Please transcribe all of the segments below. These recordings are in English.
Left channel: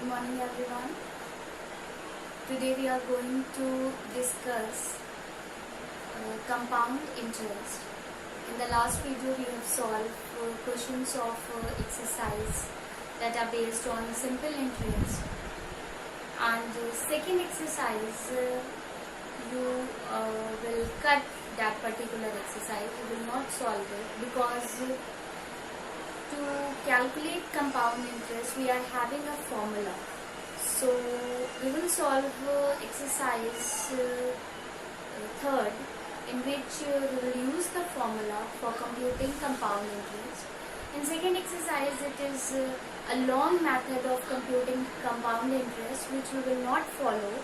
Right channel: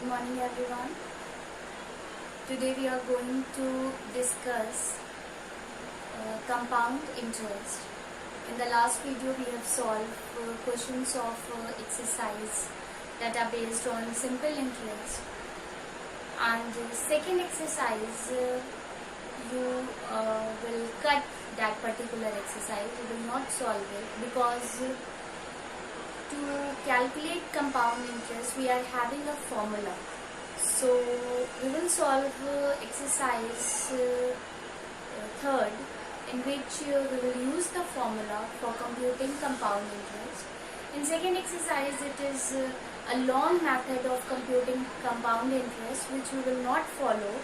Good morning everyone. Today we are going to discuss compound interest. In the last video we have solved questions of exercise that are based on simple interest, and second exercise you will cut that particular exercise. You will not solve it because to calculate compound interest we are having a formula. So we will solve exercise third, in which we will use the formula for computing compound interest. In second exercise it is a long method of computing compound interest which we will not follow.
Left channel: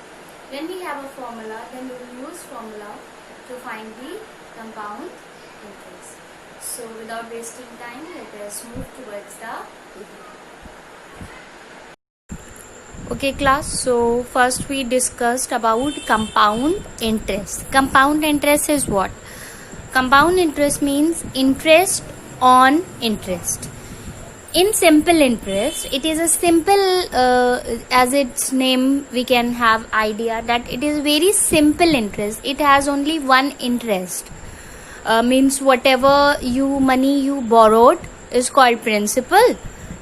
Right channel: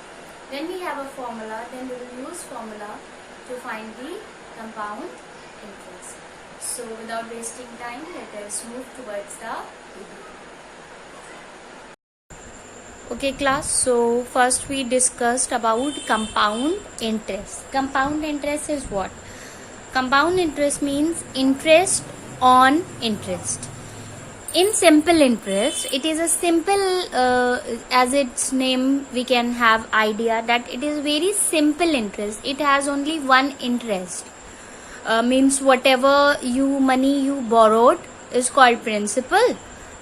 When we have a formula, then we will use formula to find the compound interest. So without wasting time, let us move towards the video. Okay class, so first we discussed about compound interest. Compound interest is what? Compound interest means interest on interest. In simple interest, it is a simple, as its name we can have idea that it is very simple interest. It has only one interest. Means whatever money you borrowed is called principal,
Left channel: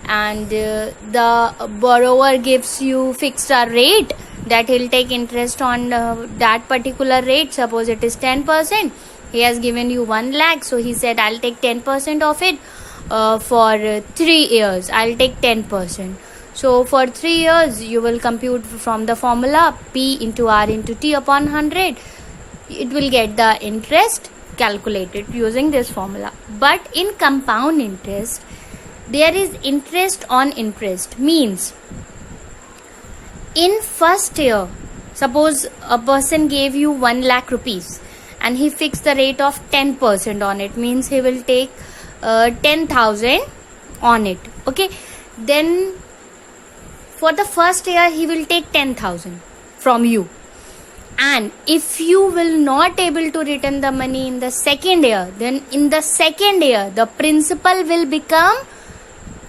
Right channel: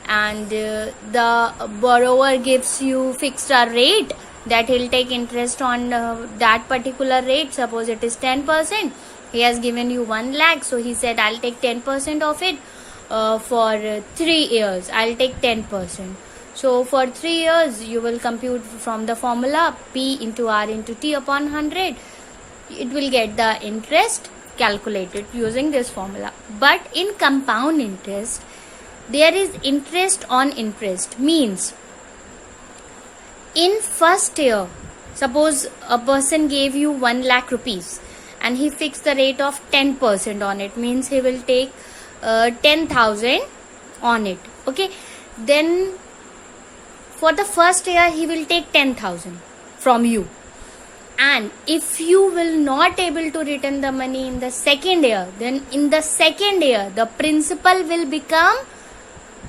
and the borrower gives you fixed a rate that he'll take interest on that particular rate. Suppose it is 10%. He has given you 1 lakh, so he said I'll take 10% of it for 3 years. I'll take 10%. So for 3 years you will compute from the formula P into R into T upon 100. It will get the interest calculated using this formula. But in compound interest there is interest on interest. Means in first year, suppose a person gave you 1 lakh rupees and he fixed the rate of 10% on it, means he will take 10,000 on it. Okay, then for the first year he will take 10,000 from you, and if you will not able to return the money in the second year, then in the second year the principal will become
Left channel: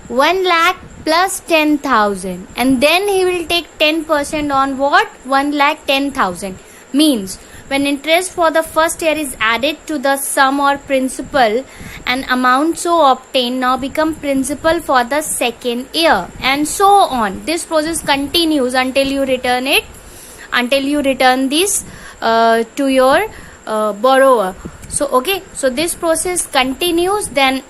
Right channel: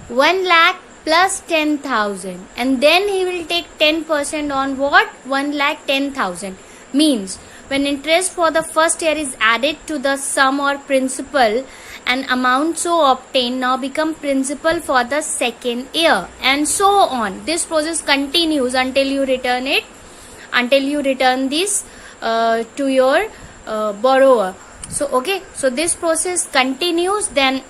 1 lakh plus 10,000, and then he will take 10% on what? 1 lakh 10,000. Means when interest for the first year is added to the sum or principal, an amount so obtained now become principal for the second year, and so on. This process continues until you return it, until you return this to your borrower. So okay, so this process continues. Then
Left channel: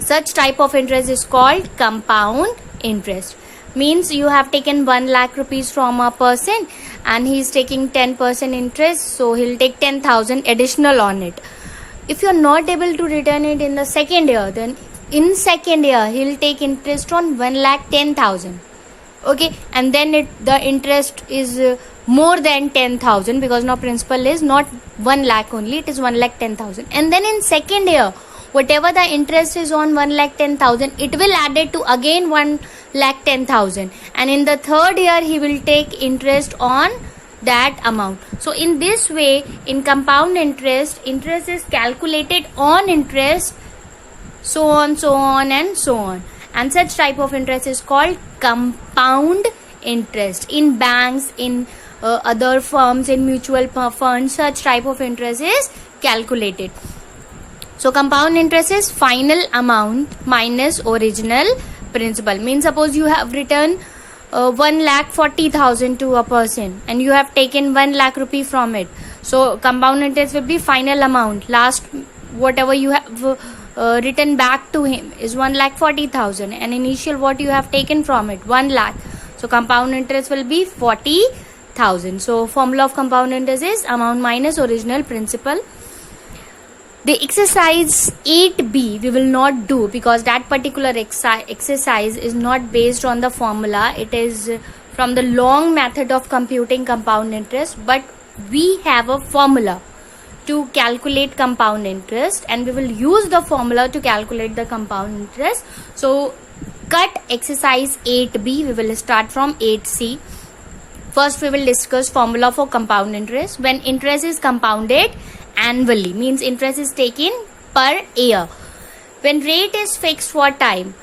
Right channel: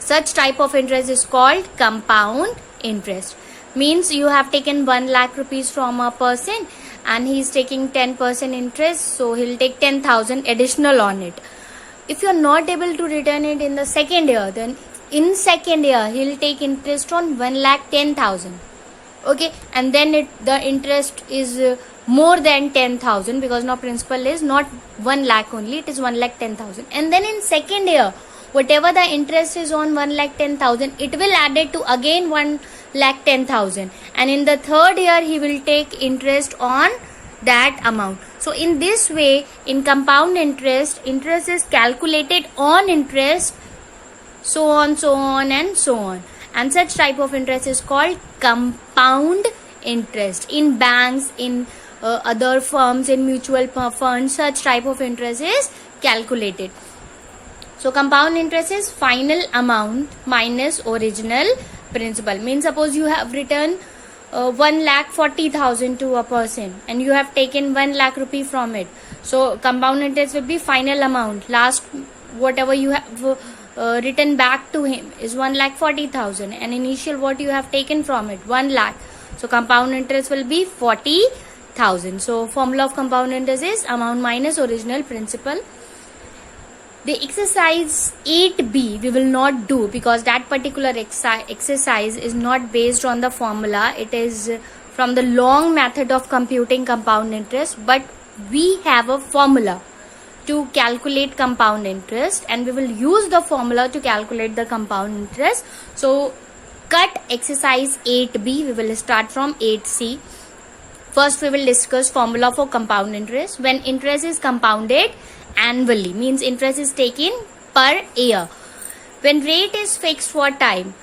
such type of interest is called compound interest. Means you have taken 1 lakh rupees from a person and he is taking 10% interest, so he'll take 10,000 additional on it. If you are not able to return it in the second year, then in second year he'll take interest on 1 lakh 10,000. Okay, and then the interest is more than 10,000, because now principal is not 1 lakh only, it is 1 lakh 10,000. And then in second year, whatever the interest is on 1 lakh 10,000, it will add it to again 1 lakh 10,000, and in the third year he will take interest on that amount. So in this way, in compound interest, interest is calculated on interest, so on, so on, and so on. And such type of interest is called compound interest. In banks, in other firms, in mutual funds, such type of interest is calculated. So compound interest is final amount minus original principal. Means suppose you have returned 1,40,000 to a person and you have taken 1 lakh rupee from it. So compound interest will be final amount. Last whatever you have written back to him is 1,40,000, and initial what you have taken from it 1 lakh. So compound interest will be 40,000. So formula of compound interest is amount minus original principal. The exercise 8b we will not do because that particular exercise is not based on the formula. It is from the long method of computing compound interest, but we have a formula to calculate compound interest, and we will use the formula to calculate the compound interest. So cut exercise 8b. We will start from 8c. First we will discuss formula for compound interest. When interest is compounded annually, means interest is taken per year. When rate is fixed for time,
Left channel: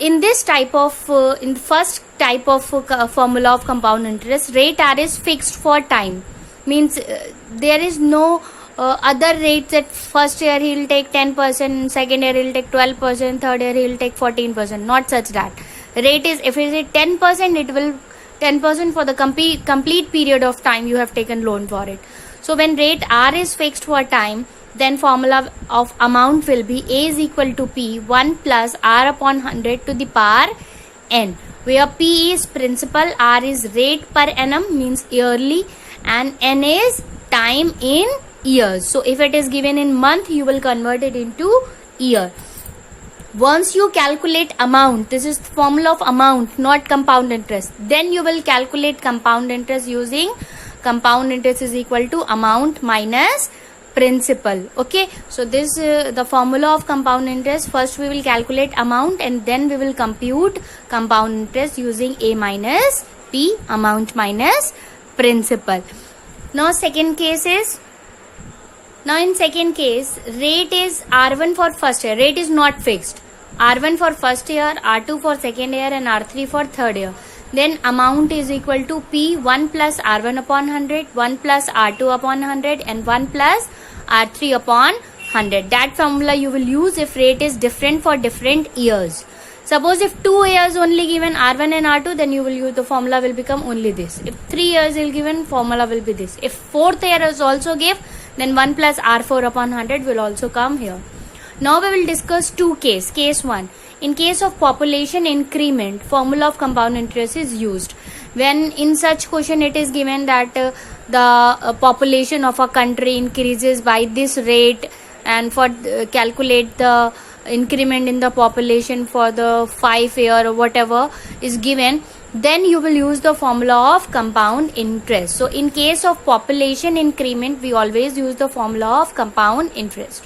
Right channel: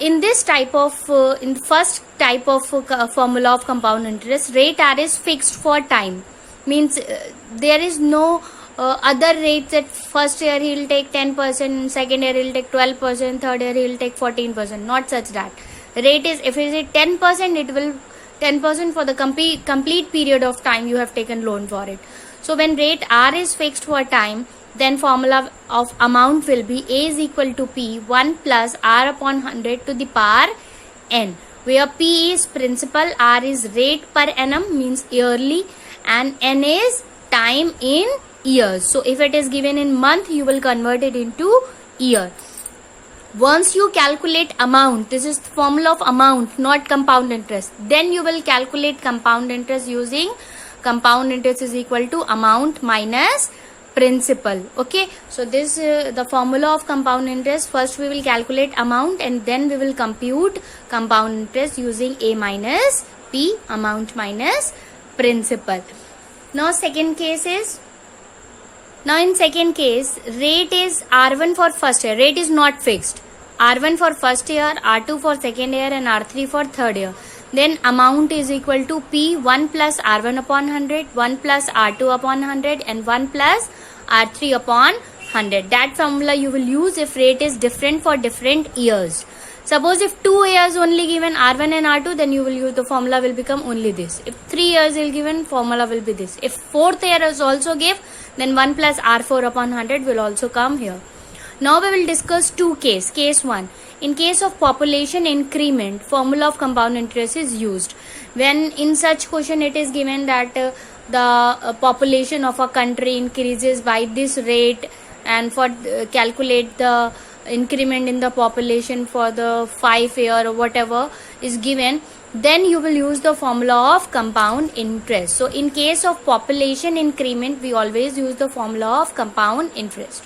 in the first type of formula of compound interest, rate R is fixed for time. Means there is no other rates that first year he will take 10%, second year he will take 12%, third year he will take 14%. Not such that. Rate is, if it is 10%, it will 10% for the complete period of time you have taken loan for it. So when rate R is fixed for time, then formula of amount will be A is equal to P 1 plus R upon 100 to the power N, where P is principal, R is rate per annum means yearly, and N is time in years. So if it is given in month, you will convert it into year. Once you calculate amount, this is formula of amount, not compound interest, then you will calculate compound interest using compound interest is equal to amount minus principal. Okay, so this the formula of compound interest. First we will calculate amount and then we will compute compound interest using A minus P, amount minus principal. Now in second case, rate is R1 for first year. Rate is not fixed. R1 for first year, R2 for second year, and R3 for third year. Then amount is equal to P 1 plus R1 upon 100, 1 plus R2 upon 100, and 1 plus R3 upon 100. That formula you will use if rate is different for different years. Suppose if 2 years only given R1 and R2, then you will use the formula will become only this. If 3 years is given, formula will be this. If 4th year is also give, then 1 plus R4 upon 100 will also come here. Now we will discuss two cases. Case 1. In case of population increment, formula of compound interest is used. When in such question it is given that the population of a country increases by this rate, and for calculate the increment in the population for the 5 year or whatever is given, then you will use the formula of compound interest. So in case of population increment, we always use the formula of compound interest.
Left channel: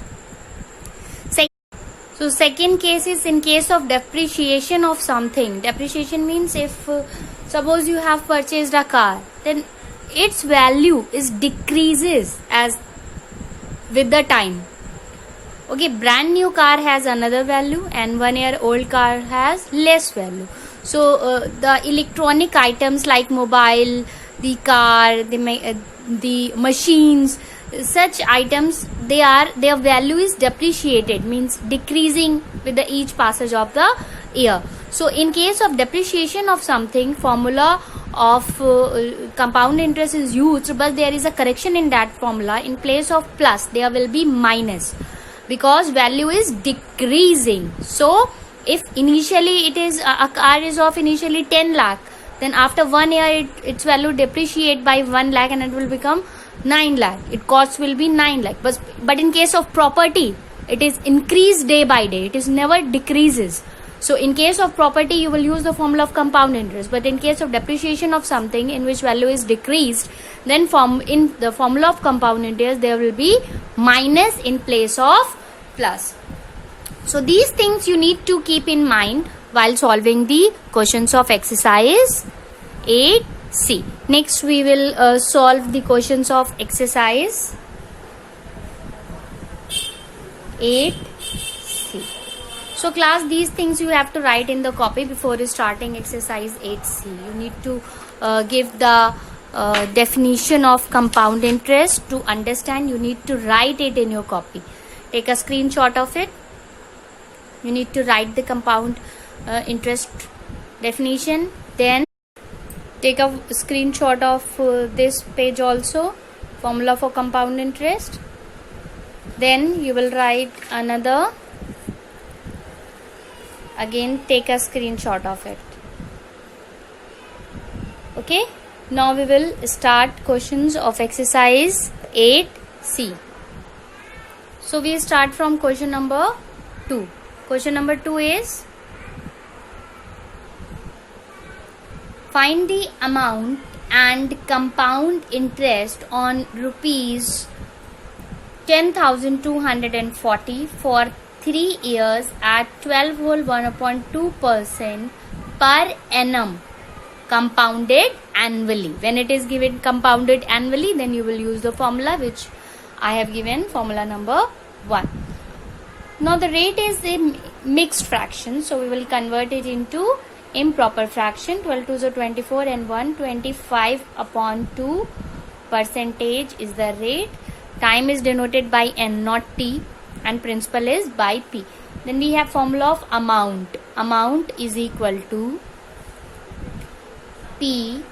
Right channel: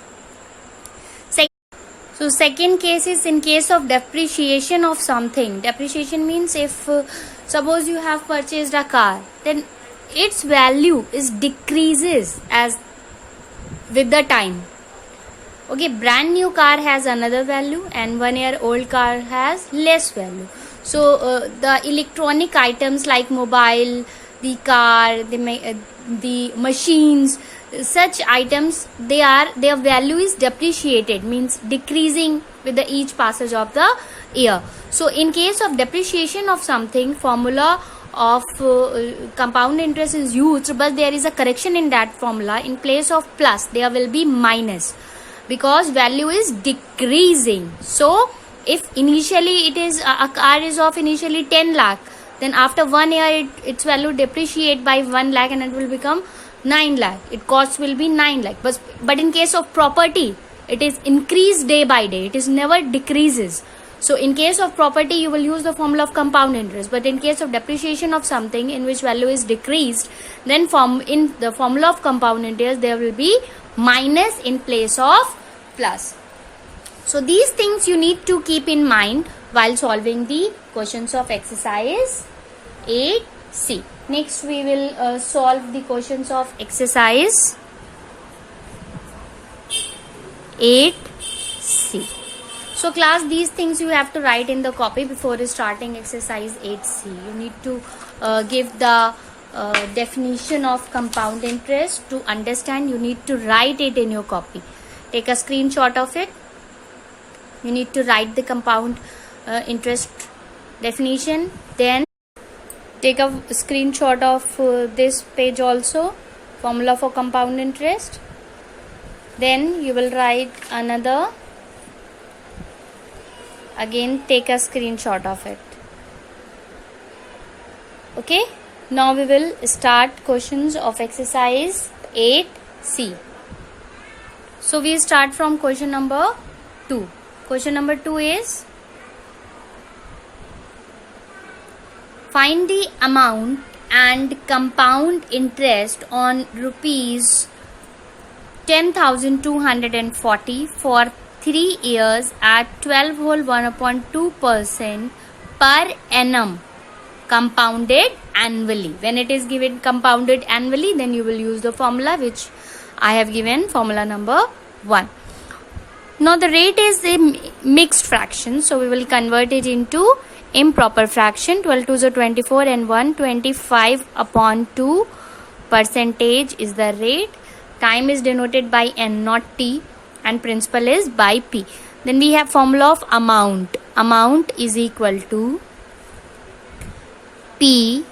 So second case is in case of depreciation of something. Depreciation means if suppose you have purchased a car, then its value is decreases as with the time. Okay, brand new car has another value and 1 year old car has less value. So the electronic items like mobile, the car, the machines, such items, their value is depreciated, means decreasing with the each passage of the year. So in case of depreciation of something, formula of compound interest is used, but there is a correction in that formula. In place of plus, there will be minus, because value is decreasing. So if initially it is a car is of initially 10 lakh, then after 1 year its value depreciate by 1 lakh and it will become 9 lakh. Its cost will be 9 lakh. But in case of property, it is increased day by day. It is never decreases. So in case of property, you will use the formula of compound interest. But in case of depreciation of something in which value is decreased, then in the formula of compound interest, there will be minus in place of plus. So these things you need to keep in mind while solving the questions of exercise 8C. Next we will solve the questions of exercise 8C. So class, these things you have to write in the copy before starting exercise 8C. You need to give the definition of compound interest. To understand, you need to write it in your copy. Take a screenshot of it. You need to write the compound interest definition. Then take a screenshot of this page also, formula for compound interest. Then you will write another. Again, take a screenshot of it. Okay. Now we will start questions of exercise 8C. So we start from question number 2. Question number 2 is, find the amount and compound interest on rupees 10,240 for 3 years at 12 whole 1/2% per annum, compounded annually. When it is given compounded annually, then you will use the formula which I have given, formula number 1. Now the rate is a mixed fraction, so we will convert it into improper fraction. 12 2s are 24 and 125 upon 2 percentage is the rate. Time is denoted by n, not t, and principal is by p. Then we have formula of amount. Amount is equal to p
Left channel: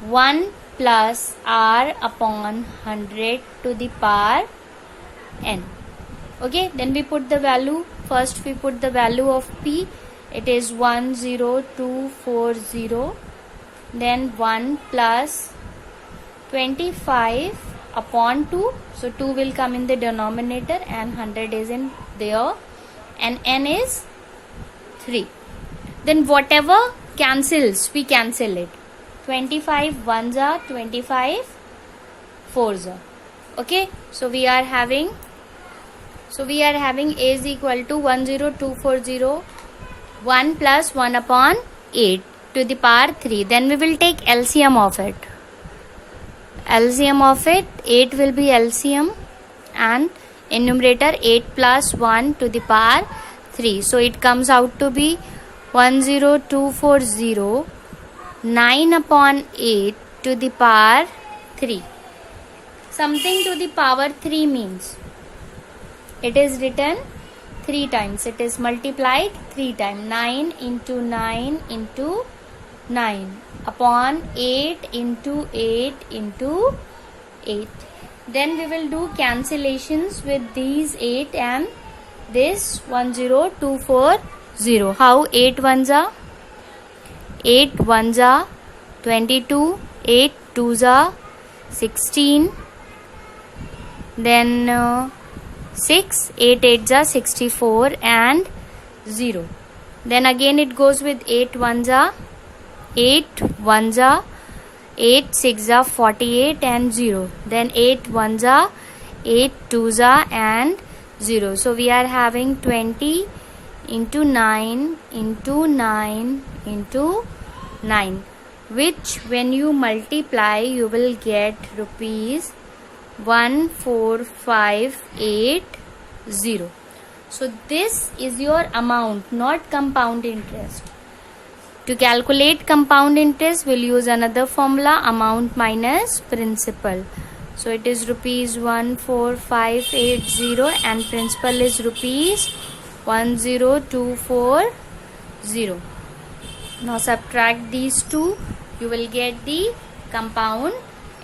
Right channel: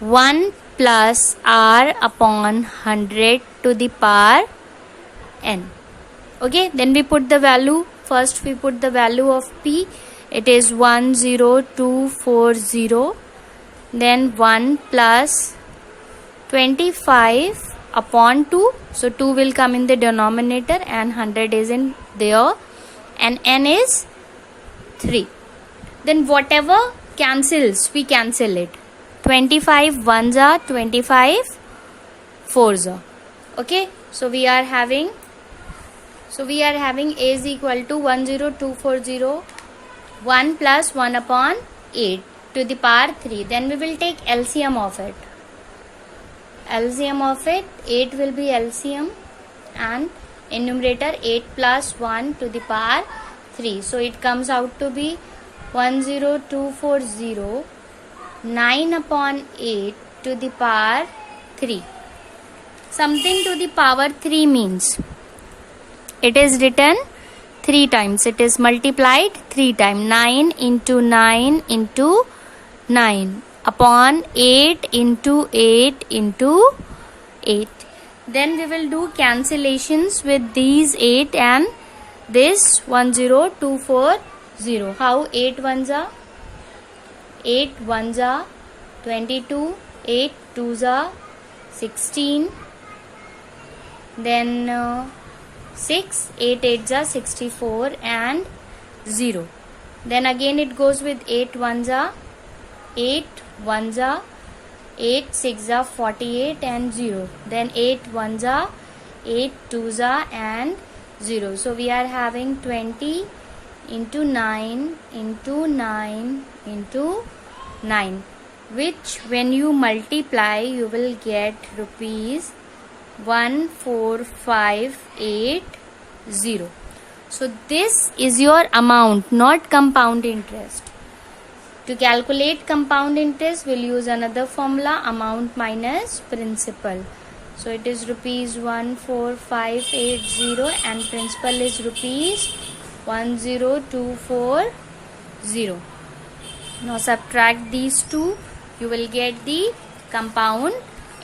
1 plus r upon 100 to the power n. Okay, then we put the value. First we put the value of p. It is 10240. Then 1 plus 25 upon 2. So 2 will come in the denominator and 100 is in there. And n is 3. Then whatever cancels, we cancel it. 25 ones are 25 fours are. Okay, so we are having a is equal to 10240, 1 plus 1 upon 8 to the power 3. Then we will take LCM of it. LCM of it, 8 will be LCM, and in numerator 8 plus 1 to the power 3. So it comes out to be 10240, 9 upon 8 to the power 3. Something to the power 3 means it is written 3 times. It is multiplied 3 times. 9 into 9 into 9 upon 8 into 8 into 8. Then we will do cancellations with these 8 and this 10240. How? 8 ones are 8 ones are 22, 8 twos are 16, then 6, 8 eights are 64 and 0. Then again it goes with 8 ones are 8 ones are 8 6 are 48 and 0. Then 8 ones are 8 twos are and 0. So we are having 20 into 9 into 9 into 9, which when you multiply you will get rupees 14580. So this is your amount, not compound interest. To calculate compound interest, we'll use another formula, amount minus principal. So it is rupees 14580 and principal is rupees 10240. Now subtract these two, you will get the compound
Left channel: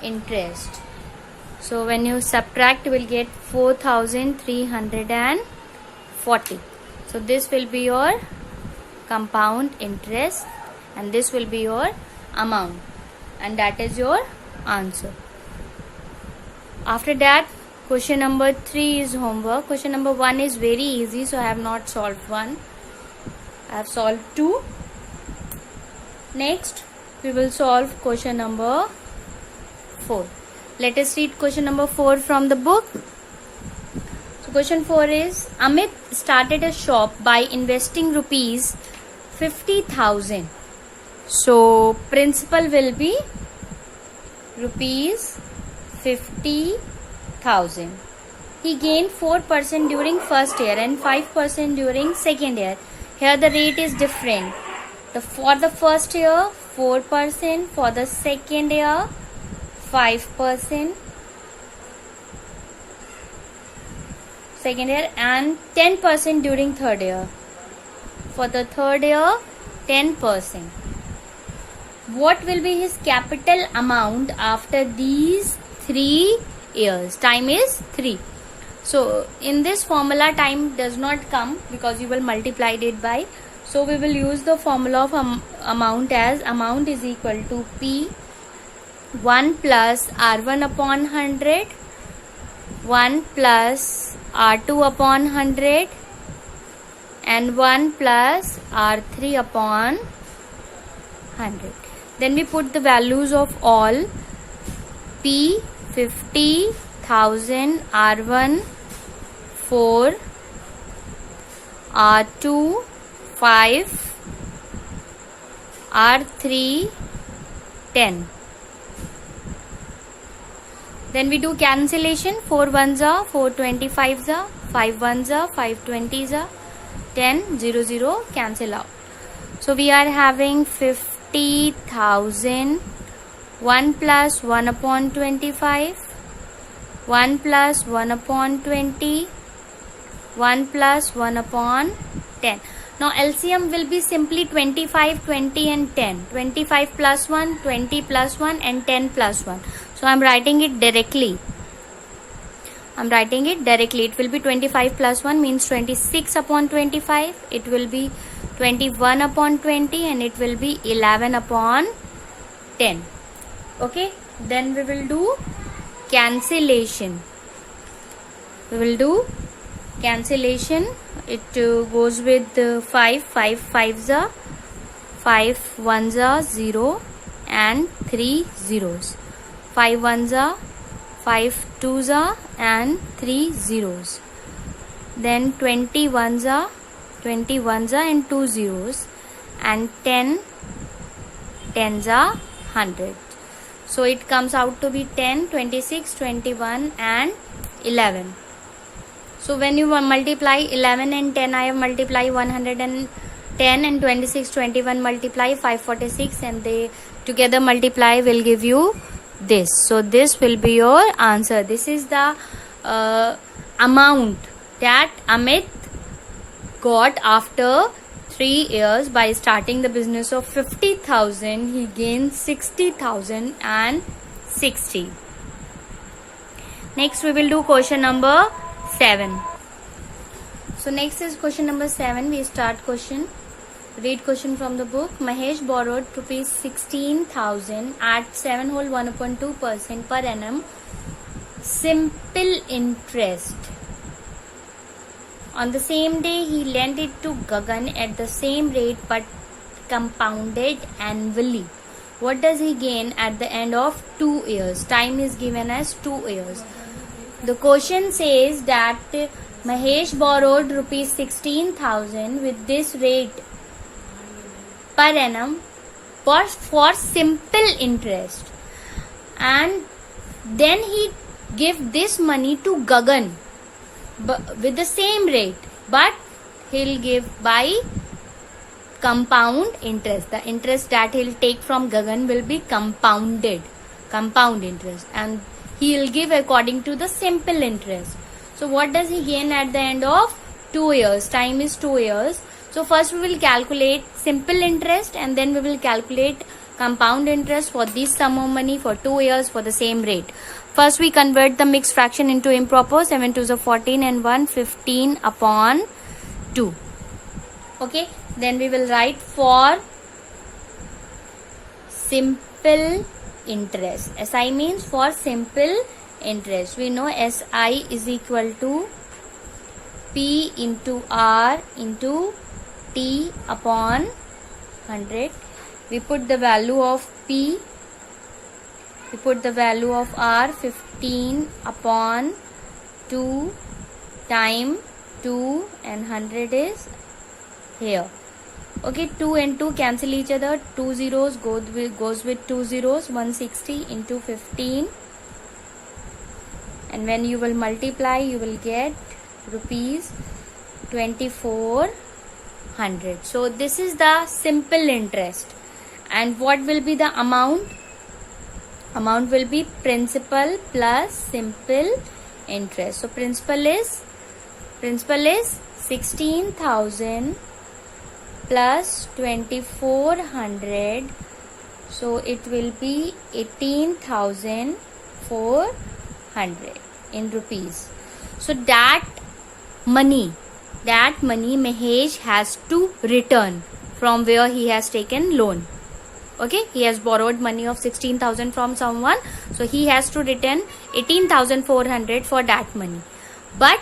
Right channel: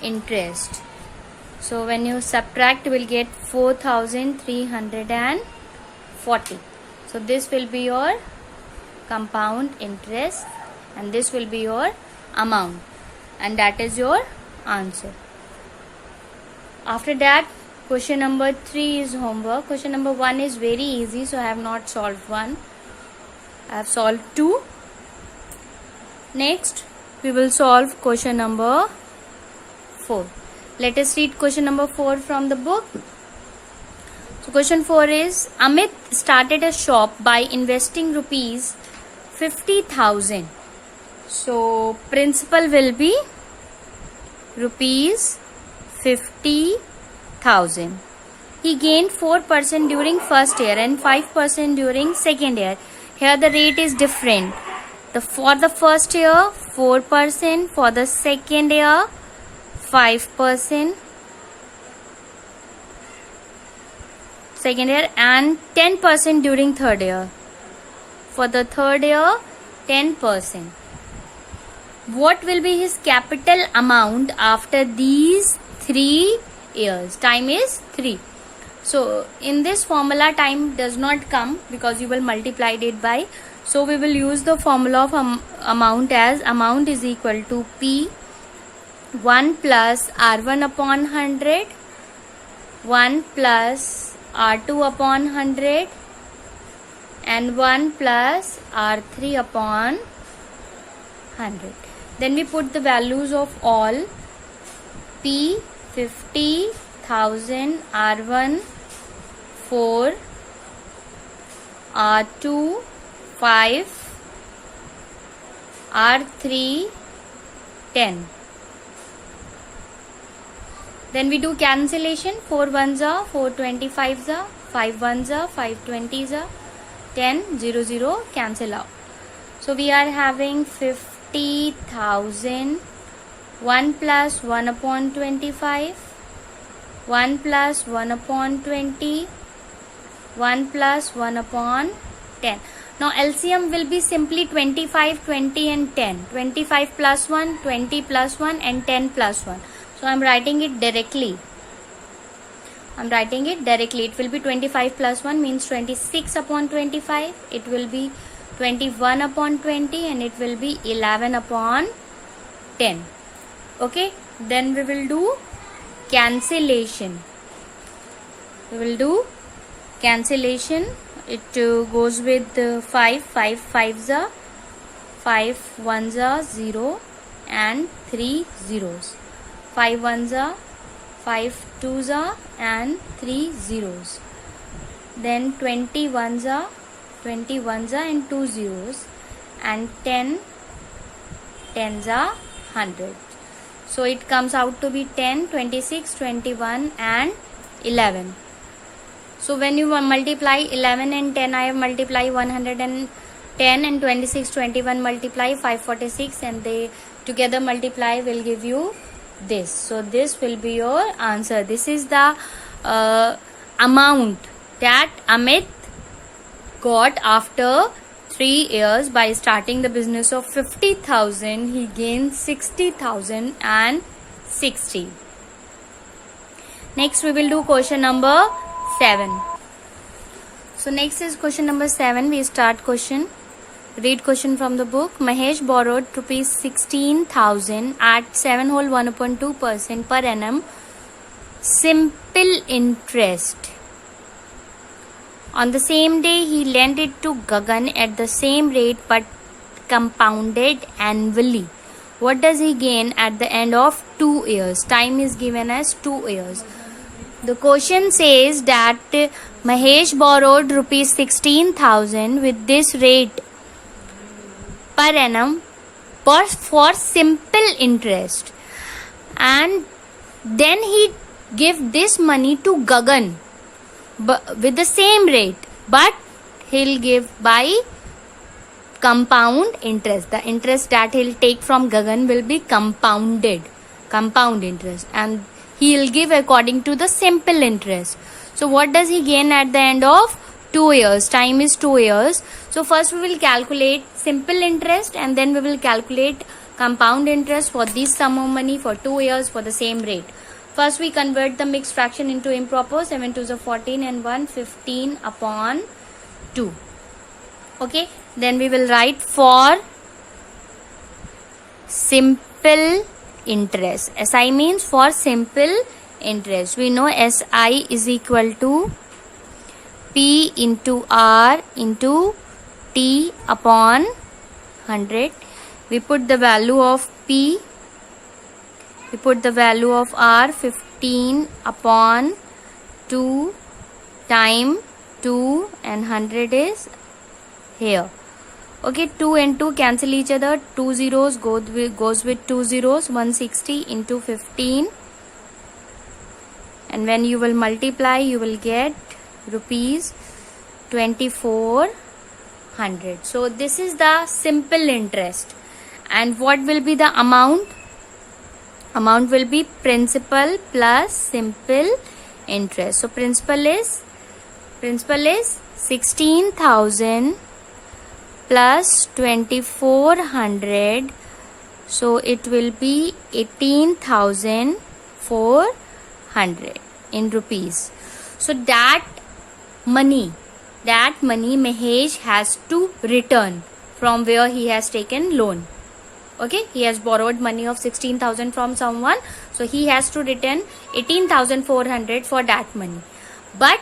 interest. So when you subtract, you will get 4340. So this will be your compound interest and this will be your amount, and that is your answer. After that, question number 3 is homework. Question number 1 is very easy, so I have not solved one. I have solved 2. Next, we will solve question number 4. Let us read question number 4 from the book. So question 4 is, Amit started a shop by investing rupees 50,000. So principal will be rupees 50,000. He gained 4% during first year and 5% during second year. Here the rate is different. For the first year 4%, for the second year 5%, second year, and 10% during third year. For the third year 10%. What will be his capital amount after these 3 years? Time is 3. So in this formula time does not come because you will multiply it by. So we will use the formula of amount as amount is equal to P 1 plus R1 upon 100, 1 plus R2 upon 100 and 1 plus R3 upon 100. Then we put the values of all. P 50,000, R1 4, R2 5, R3 10. Then we do cancellation. 4 ones are 4 25s are 5 ones are, 5 20s are, 10, 0, 0, cancel out. So we are having 50,000, 1 plus 1 upon 25, 1 plus 1 upon 20, 1 plus 1 upon 10. Now LCM will be simply 25, 20 and 10. 25 plus 1, 20 plus 1 and 10 plus 1. So I am writing it directly. It will be 25 plus 1 means 26 upon 25. It will be 21 upon 20 and it will be 11 upon 10. Okay. Then we will do cancellation. It goes with 5 5s are, 5 1s are 0 and 3 zeros. 5 1s are, 5 2s are and 3 zeros. Then 21s are and 2 zeros, and 10s are 100. So it comes out to be 10, 26, 21 and 11. So when you multiply 11 and 10, I have multiplied 110 and 26, 21 multiply 546 and they together multiply will give you this. So this will be your answer. This is the amount that Amit got after 3 years by starting the business of 50,000. He gained 60,060. Next we will do question number 7. So next is question number 7. We start question. Read question from the book. Mahesh borrowed rupees 16,000 at 7 whole 1/2% per annum simple interest. On the same day, he lent it to Gagan at the same rate but compounded annually. What does he gain at the end of 2 years? Time is given as 2 years. The question says that Mahesh borrowed rupees 16,000 with this rate per annum for simple interest, and then he give this money to Gagan with the same rate, but he'll give by compound interest. The interest that he'll take from Gagan will be compound interest, and he'll give according to the simple interest. So what does he gain at the end of 2 years? Time is 2 years. So first we will calculate simple interest and then we will calculate compound interest for this sum of money for 2 years for the same rate. First we convert the mixed fraction into improper. 7 2s are 14 and 1 15 upon 2. Okay. Then we will write for simple interest. SI means for simple interest. We know SI is equal to P into R into T upon 100. We put the value of P. We put the value of R 15 upon 2 time 2 and 100 is here. Okay, 2 and 2 cancel each other. 2 zeros goes with 2 zeros. 160 into 15. And when you will multiply, you will get rupees 2400. So this is the simple interest. And what will be the amount? Amount will be principal plus simple interest. So principal is 16,000 plus 2400. So it will be 18,400 in rupees. So that money Mahesh has to return from where he has taken loan. Okay, he has borrowed money of 16,000 from someone, so he has to return 18,400 for that money. But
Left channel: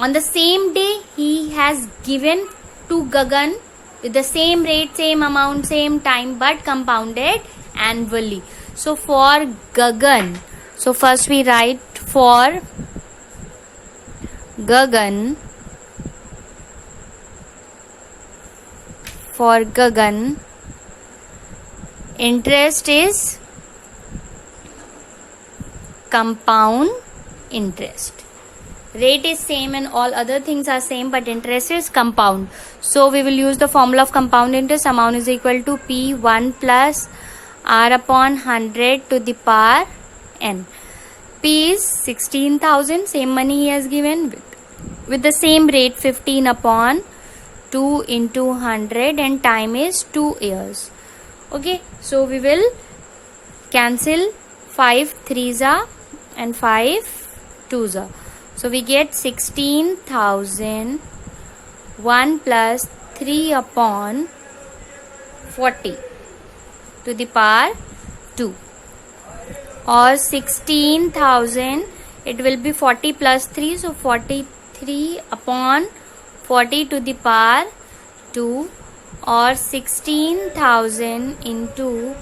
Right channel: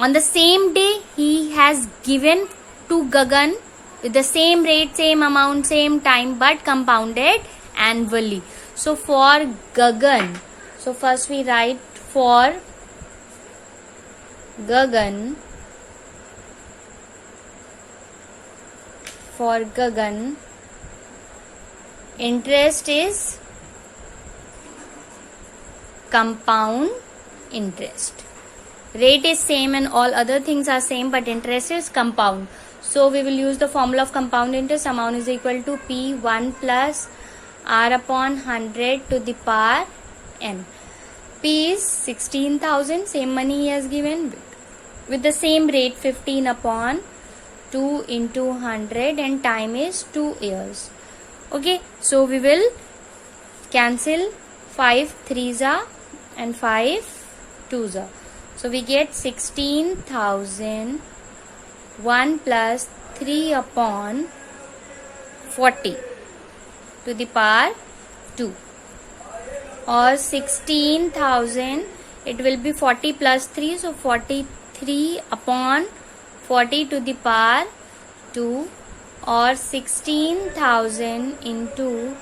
on the same day, he has given to Gagan with the same rate, same amount, same time, but compounded annually. So for Gagan, so first we write for Gagan. For Gagan, interest is compound interest. Rate is same and all other things are same, but interest is compound. So we will use the formula of compound interest. Amount is equal to P1 plus R upon 100 to the power n. P is 16,000, same money he has given, with the same rate 15 upon 2 into 100, and time is 2 years. Okay, so we will cancel 5 3s and 5 2s. So we get 16,000 1 plus 3 upon 40 to the power 2, or 16,000, it will be 40 plus 3, so 43 upon 40 to the power 2, or 16,000 into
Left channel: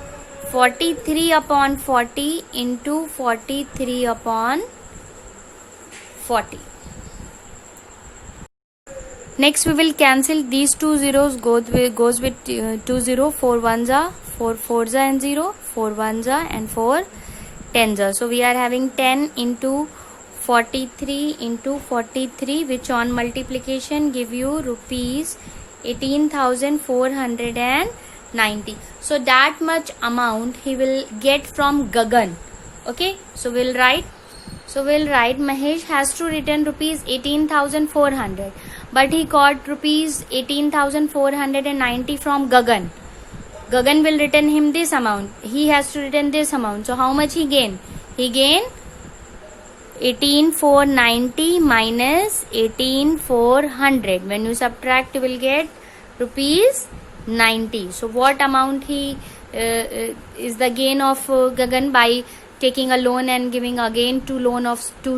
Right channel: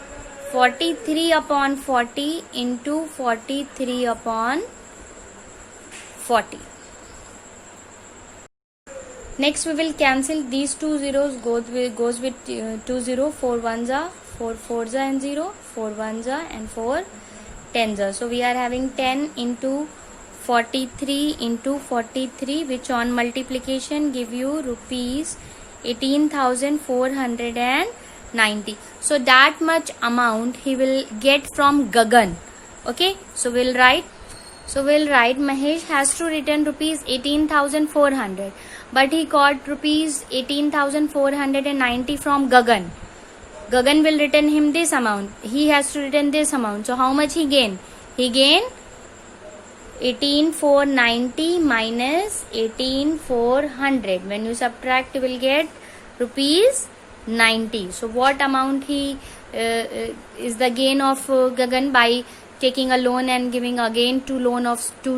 43 upon 40 into 43 upon 40. Next we will cancel these two zeros, goes with 2 0, 4 1s are 4 4s are and 0, 4 1s are and 4 10s are. So we are having 10 into 43 into 43, which on multiplication give you rupees 18,490. So that much amount he will get from Gagan. Okay, so we'll write Mahesh has to return rupees 18,400, but he got rupees 18,490 from Gagan. Gagan will return him this amount. He has to return this amount. So how much he gain? He gain 18,490 minus 18,400. When you subtract, you will get rupees 90. So what amount he is the gain of Gagan by taking a loan and giving again to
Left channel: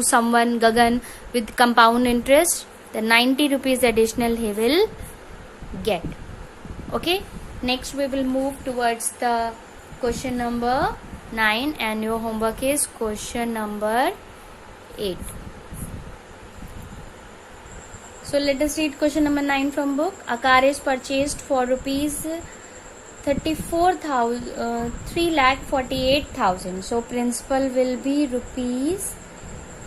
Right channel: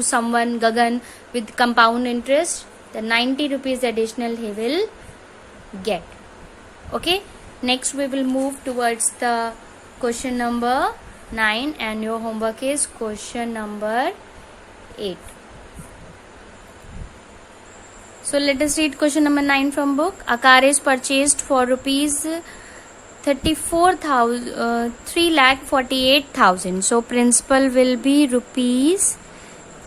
someone, Gagan, with compound interest? The 90 rupees additional he will get. Okay, next we will move towards the question number 9, and your homework is question number 8. So let us read question number 9 from book. A car is purchased for rupees 3,48,000. So principal will be rupees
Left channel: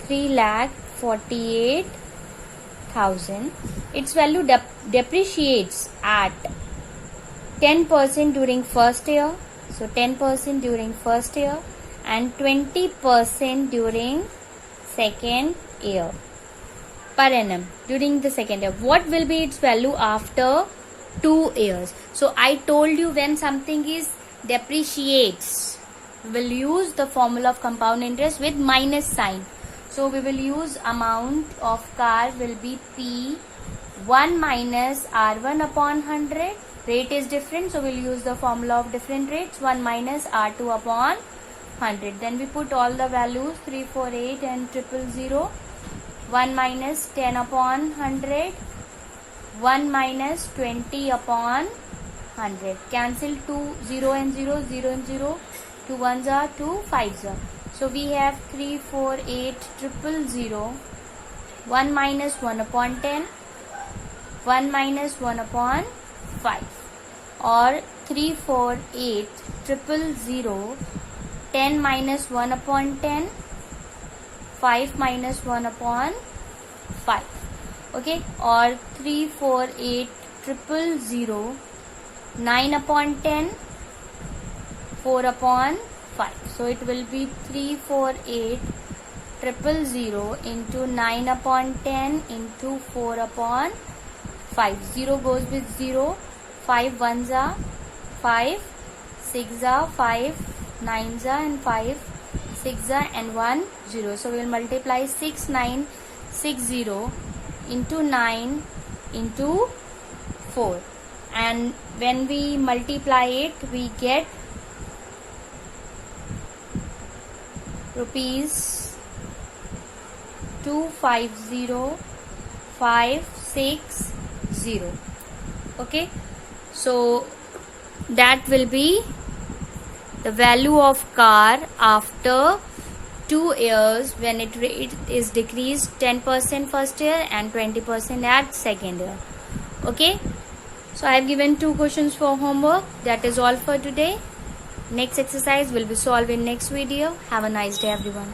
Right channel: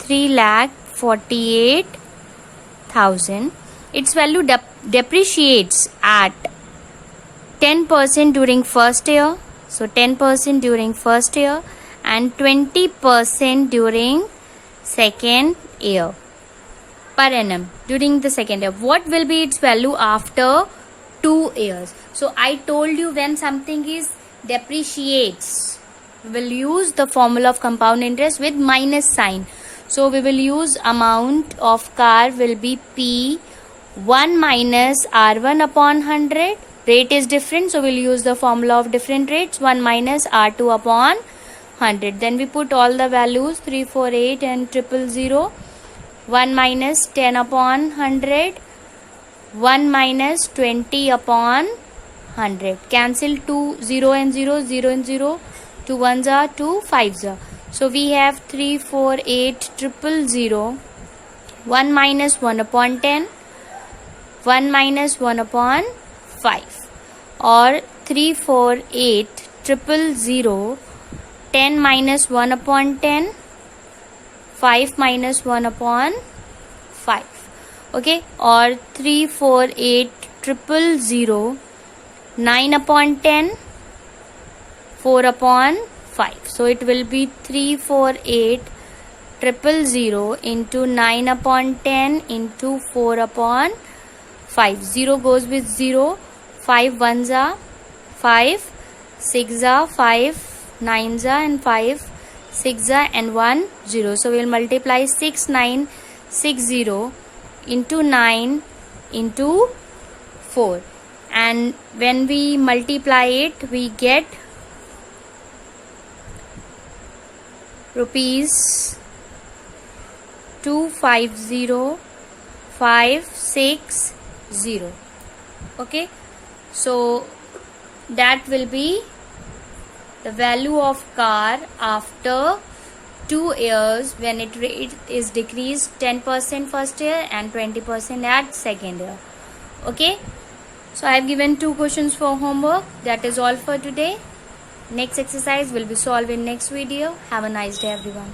3,48,000. Its value depreciates at 10% during first year. So 10% during first year and 20% during second year per annum during the second year. What will be its value after 2 years? So I told you, when something is depreciates, we will use the formula of compound interest with minus sign. So we will use amount of car will be P1 minus R1 upon 100. Rate is different, so we'll use the formula of different rates, 1 minus R2 upon 100. Then we put all the values 348 and 000. 1 minus 10 upon 100, 1 minus 20 upon 100. Cancel 2 0 and 0, 0 and 0, 2 1s are 2 5s are. So we have 348 000. 1 minus 1 upon 10, 1 minus 1 upon 5, or 348 000. 10 minus 1 upon 10, 5 minus 1 upon 5. Okay, or 348 000. 9 upon 10, 4 upon 5. So it will be 348 000 into 9 upon 10 into 4 upon 5. 0 goes with 0. 5 1s are 5, 6 are 5, 9s are and 5, 6 are and 1 0. So we will multiply 6960 into 9 into 4, and when we multiply it, we get rupees 250,560. Okay, so that will be the value of car after 2 years, when it rate is decreased 10% first year and 20% at second year. Okay, so I have given 2 questions for homework. That is all for today. Next exercise will be solved in next video. Have a nice day, everyone.